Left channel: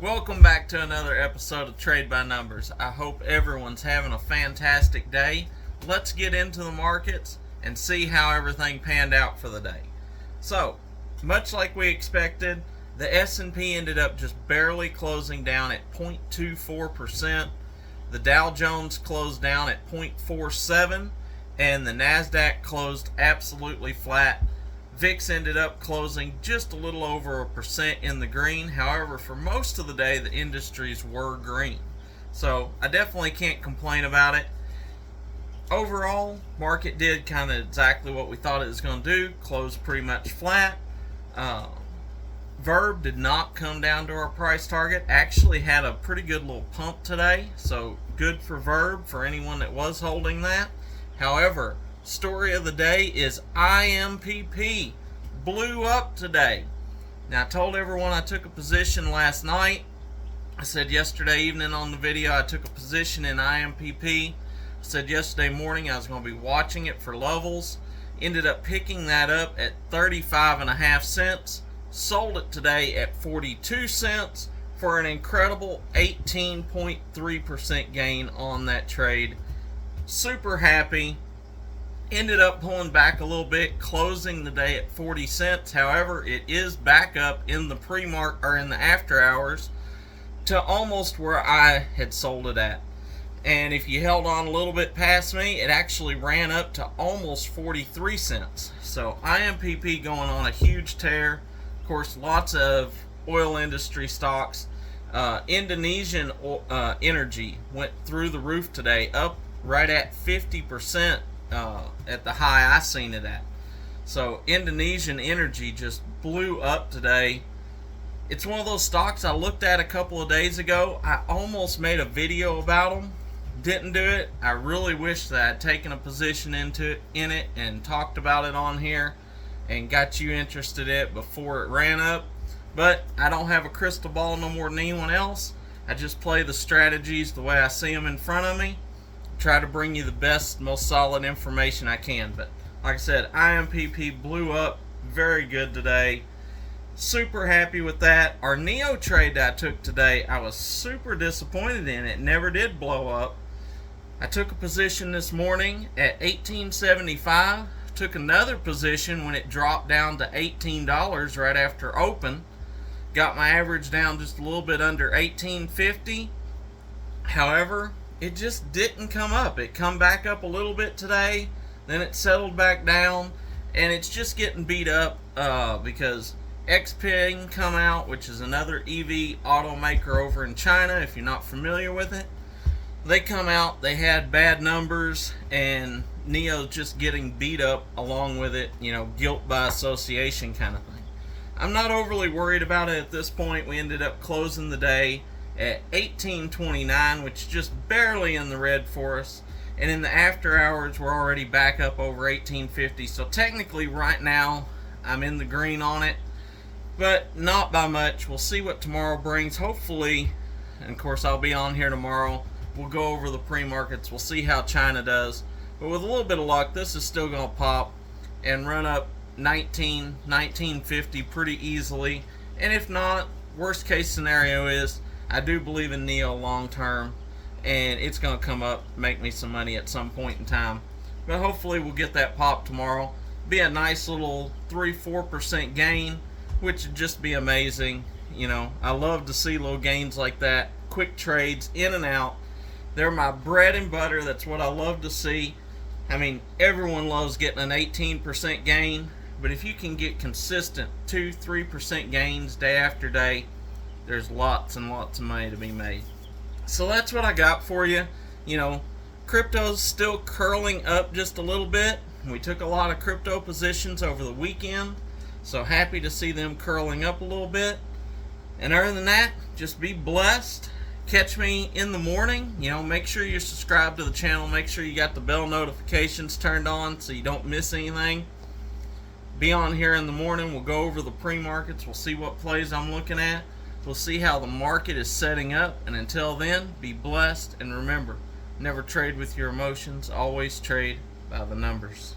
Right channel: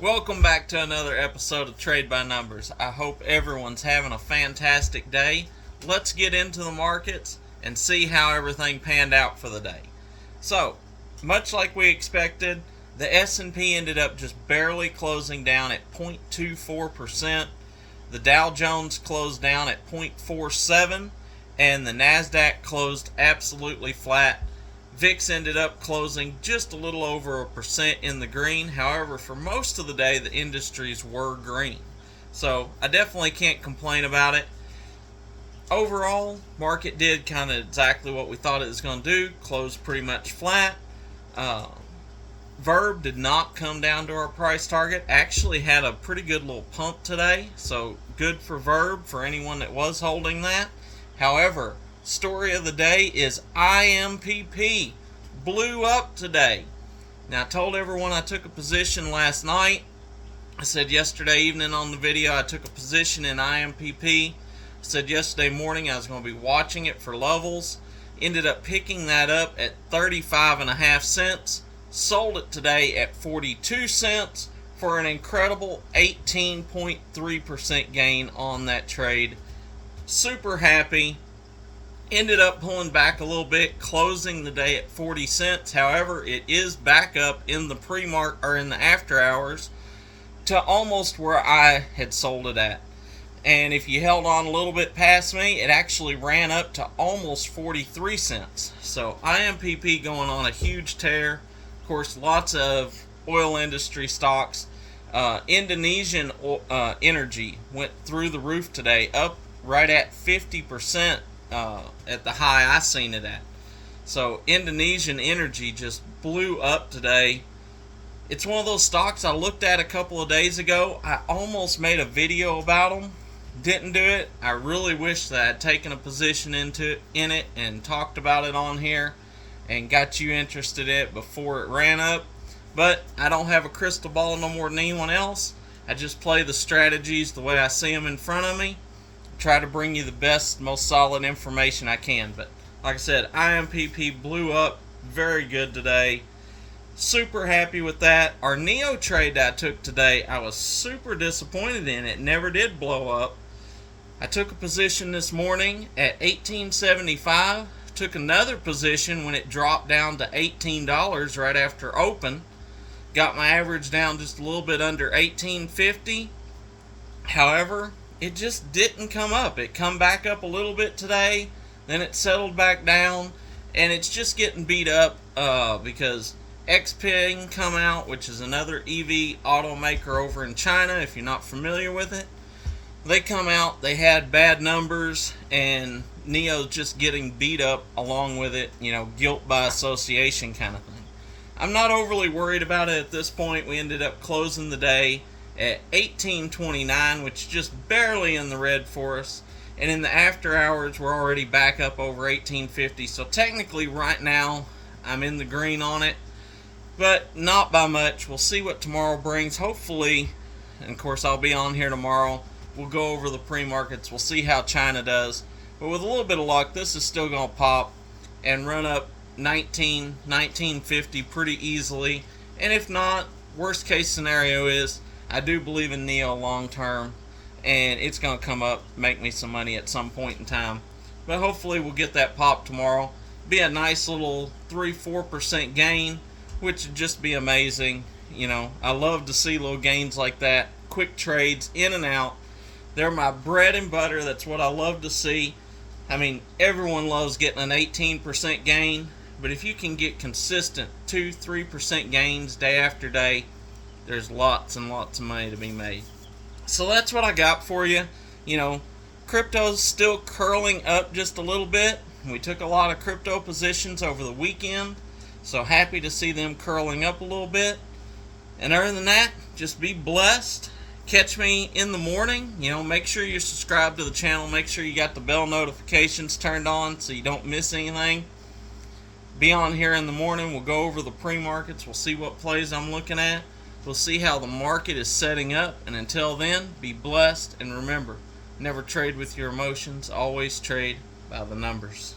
Welcome back to another episode of Trade by Numbers. I hope everyone's having a fantastic day. Let's get into the markets and see how everything panned out for the day. So, much like we expected, the S&P ended up just barely closing down at 0.24%. The Dow Jones closed down at 0.47%, and the Nasdaq closed absolutely flat. VIX ended up closing just a little over 1% in the green. However, for most of the day, the industries were green. So I definitely can't complain about it. Overall, market did kind of exactly what we thought it was going to do. Closed pretty much flat. Verb did not come down to our price target. Actually had a pretty good little pump today. So good for Verb for anyone that was holding that. However, story of the day is IMPP blew up today. Now, I told everyone I took a position last night. I said yesterday evening on the video I took a position in IMPP. I said yesterday morning I was going to be watching it for levels. Ended up picking that up at 35.5 cents. Sold it today at 42 cents for an incredible 18.3% gain on that trade. Super happy. Ended up pulling back a little bit, closing the day at 40 cents. However, it is back up in the in the after hours to almost where I had sold it at. And if you held on a little bit past me, it actually ran up to almost 43 cents. So IMPP going on a huge tear. Of course, lots of oil industry stocks. Indonesian energy went through the roof today, up right at 50%. At the high I seen it at. So Indonesian energy just blew up today. It's one of those stocks I looked at a couple of days ago. I almost made a video about them. Didn't do it. I really wish that I'd taken a position in it and talked about it on here and got you interested in it before it ran up. But I don't have a crystal ball no more than anyone else. I just play the strategies the way I see them in front of me. Try to bring you the best, most solid information I can. But like I said, IMPP blew up very good today. Super happy with that. Our NEO trade that I took today, I was super disappointed in. It never did blow up. I took a position this morning at $18.75. Took another position when it dropped down to $18 right after open. Got my average down just a little bit under $18.50. However, it just didn't come up. It come back up a little bit today, then it settled back down, and it's just getting beat up because XPeng come out, which is another EV automaker over in China, if you're not familiar with it. They come out, they had bad numbers, and NEO's just getting beat up along with it, guilt by association kind of thing. I'm not overly worried about it at this point. We ended up closing the day at $18.29, which is just barely in the red for us. And in the after hours, we're already back up over $18.50. So technically right now, I'm in the green on it, but not by much. We'll see what tomorrow brings. Hopefully, and of course I'll be on here tomorrow. We'll go over the pre-markets. We'll see how China does. But with a little bit of luck, this is still going to pop and run up $19.50 pretty easily. And if not, worst case scenario is I do believe in NEO long term, and it's going to come up, make me some money at some point in time. But hopefully we'll get that pop tomorrow. Be a nice little 3-4% gain, which would just be amazing. I love to see little gains like that. Quick trades, in and out. They're my bread and butter. That's what I love to see. I mean, everyone loves getting an 18% gain, but if you can get consistent 2-3% gains day after day, there's lots and lots of money to be made. So that's what I got for you. Crypto's still curling up just a little bit. We took a lot of crypto positions over the weekend, so happy to see them curling up a little bit. And other than that, just be blessed. Catch me in the morning. Make sure you're subscribed to the channel. Make sure you got the bell notifications turned on so you don't miss anything. Be on here in the morning. We'll go over the pre-markets. We'll see what plays I'm looking at. We'll see how the market is setting up, and until then, be blessed, and remember, never trade with your emotions, always trade by the numbers.